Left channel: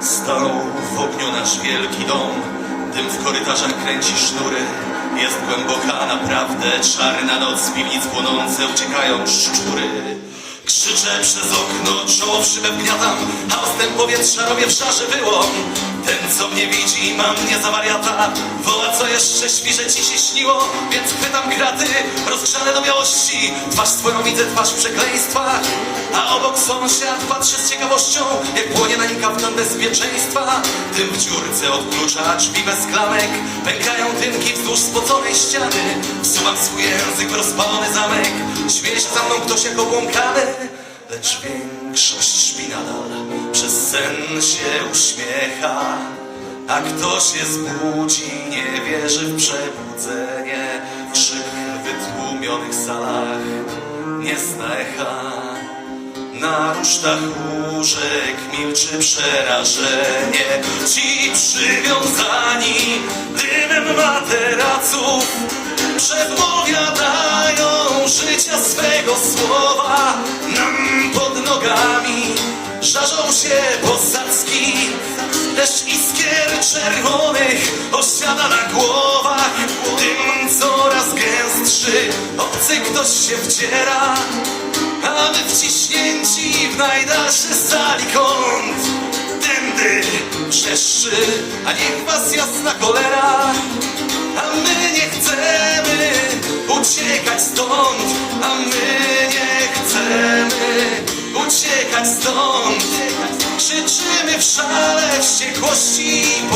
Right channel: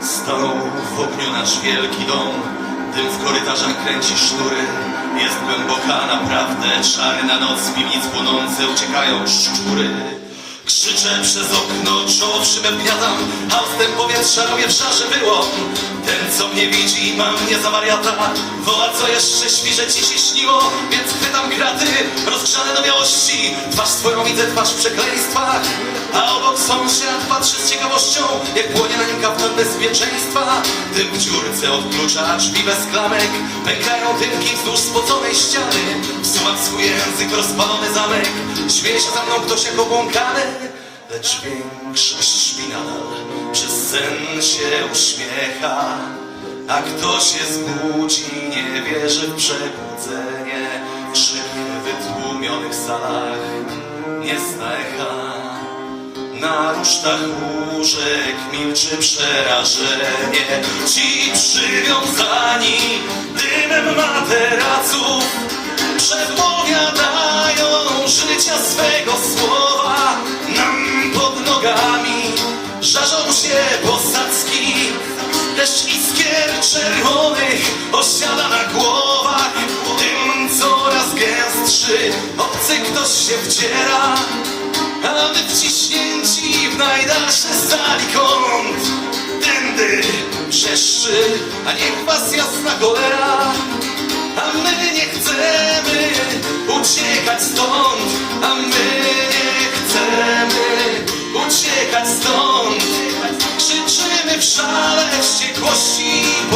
Stanął w ogniu nasz wielki dom, dym w korytarzach kręci sznury. Jest głęboka naprawdę, czarna noc, z piwnic płonące uciekają szczury. Krzyczę przez okno, czoło w szybę ustęp powietrza robię w szarze wyłom. Ten, co mnie widzi, ma mnie za wariata, woła, co jeszcze świże ci się śniło, więc chwytam kraty, rozgrzane do białości, twarz swoją widzę, twarz w przekleństwach, a obok sąsiad patrzy z ciekawością, jak płonie na nim kaftan bezpieczeństwa. Dym w dziurce od klucza, drzwi bez klamek, pękają dymki wzdłuż spoconej ściany. Wsuwam swój język, rozpalony zamek, śmieje się za mną ktoś jak obłąkany, lecz większość nadal, przez sen się uśmiecha. A kto się zbudzi, nie wierzy w przebudzenie, Na rusztach łóżek milczy przerażenie. Ci przywiązani dymem materaców Przedpowiadają życia swego słowa. Nam pod nogami żarzą się posadzki. Deszcz iskier czerwonych osiada na głowach. Dym coraz gęstszy, obcy ktoś się wdziera a my wciśnięci w najdalszy sali kąt. Tędy wrzeszczy, a niech was jasna cholera. A my nie chcemy uciekać stąd. A my nie chcemy uciekać stąd. Krzyczymy w szale wściekłości i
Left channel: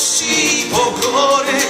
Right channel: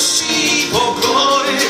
дощі побори.